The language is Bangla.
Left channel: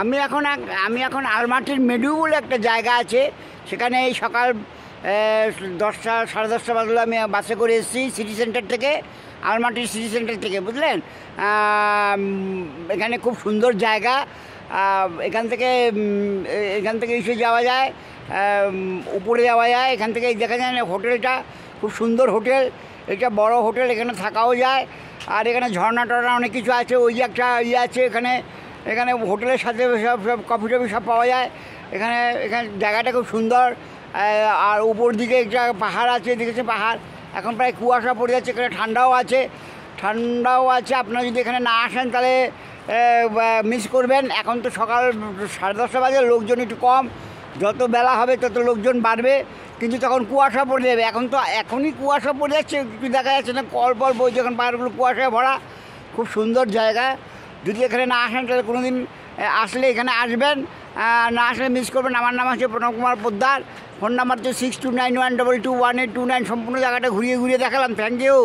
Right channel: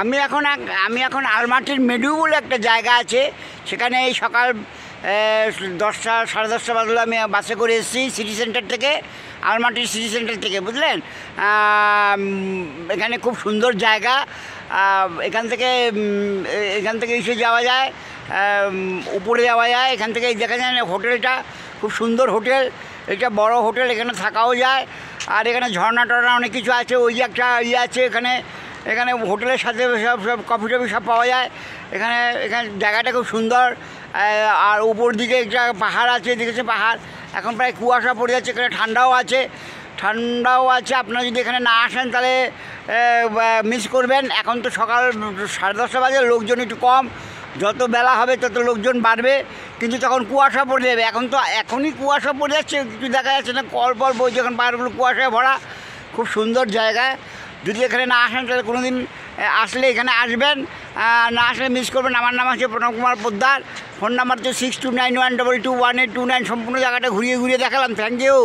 আমি এখন আলমাটির মেডু বলে একটা জায়গা আছে, সেখানে এই সকাল 10টা সাড়ে 10টা বাজলে আমি বাসে করে এসেছি সিটি সেন্টার থেকে, আলমাটির সিটি সেন্টার থেকে, বুঝলেন। এখানে খুব সুন্দর জায়গা। এখান থেকে এসে যাওয়া যায়, উপরে যাওয়া যায়। এখান থেকে দেখা যায় হোটেলটা খুব সুন্দর হোটেল, এটা বড় হোটেল, এখানে থাকাও যায়। আর এখানে ঝর্ণা টর্ণা অনেক কিছু আছে। ওই যে একটা আছে এখানে হোটেলের সাথে সব কফি টফি সব পাওয়া যায়। এখানে জায়গাটা খুব সুন্দর। আর উপর দিকে একটা পাহাড় আছে, দেখেছে পাহাড়। এখন প্রায় কুয়াশা পড়ে যাচ্ছে, এখানে ঠান্ডাও আছে। আপনারা যদি এখানে না আসেন তাহলে মিস করবেন। এখন তো সকাল 10:30 বাজে, লোকজন একটু কম। যত বেলা হবে তত লোকজন বাড়বে, কিন্তু তখন কুয়াশা পড়ে যাবে। এখনই কুয়াশা পড়ে যাচ্ছে, কিছু দেখা যাচ্ছে না, কল বইছে, এখন পাহাড়গুলো কুয়াশায় ভরা। খুব সুন্দর জায়গা। যদি এখানে না আসেন তাহলে কোনো দিন আসলে এখানে আসবেন, না আসলে মিস করবেন। আমার নাম আছে প্রণব কুমার পোদ্দার। ফোন নাম্বার তো 6291221829। সম্পূর্ণ জায়গাটা ঘুরিয়ে দেখালাম। Thank you.